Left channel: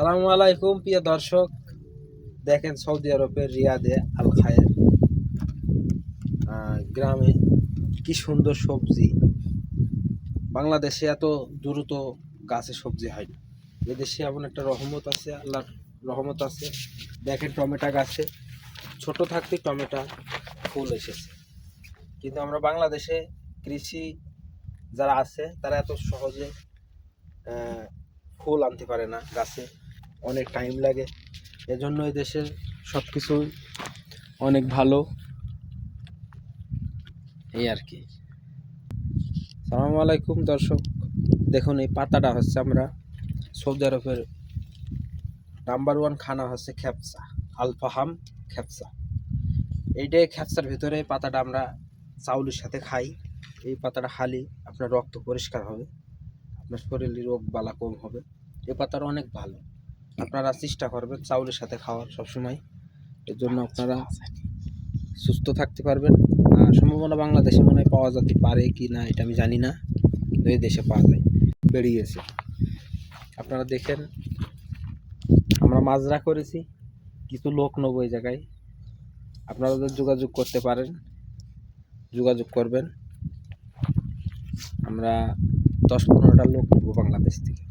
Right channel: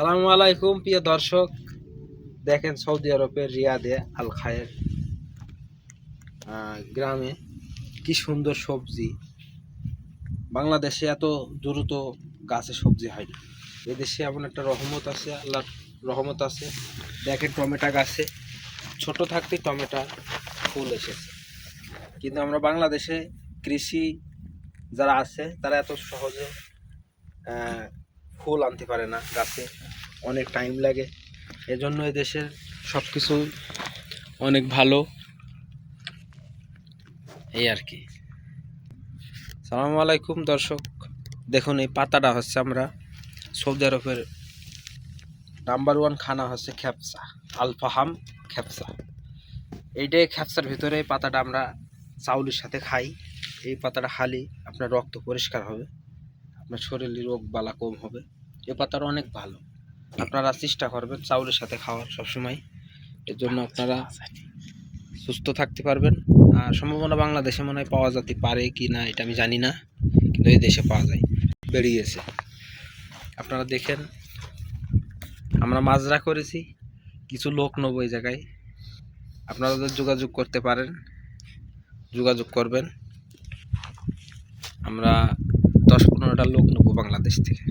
সালামু আলাইকুম প্রিয় দর্শক, দেখেন সৌদি আরবের রিয়াদে আল খায়ের গ্রামে কি সুন্দর সবজি। বাংলাদেশে এত দ্রুত গাছে সবজি হয় না। এদেশে এমন একটা রহমত আছে, আল্লাহর রহমত আছে। দেখেন টমেটো গাছে ছোট থাকতে টমেটো ফুল এসেছে, কিন্তু আমরা বাংলাদেশে কৃষি যারা আছে তারা এত সহজে ফুল আনতে পারে না, গাছে অনেক টাইম লাগে। এজন্য এই দেশের সব কিছু অনেক ভালো, এই আর কি। সালামু আলাইকুম দর্শক, দেখুন এই পাতাটা হচ্ছে আমরা সৌদি আরবের নাম্বার 1 খানা হচ্ছে খেপসা, আলফাহাম খেপসা। এইটাই খেপসার ভিতরে এই পাতাটা আমরা চাউলের সাথে খাই। এই পাতাটা খালি আপনার রক্ত পরিষ্কার হবে, আপনার শরীরে রোগ বালা কম হবে। এই পাতাটা অনেক ভালো, আপনারা চেষ্টা করবেন চাউলের সাথে খাওয়ার সবসময়। এর জন্য আপনারা সুস্থ থাকতে পারবেন। আর সম্ভাবনা বাংলাদেশে মনে হয় পাওয়া যেতে পারে কি না এটা আমি জানি না, কিন্তু এই দেশে পাওয়া যায়, বেরিয়েছে। আপনারা দেখেন, আমরা মাজরা করেছি, কিছু লোক নেব এই জায়গায়। আপনারা যোগাযোগ করতে পারেন, যোগাযোগ করবেন। আমরা 10-15টা লোক নেব বাংলাদেশ থেকে।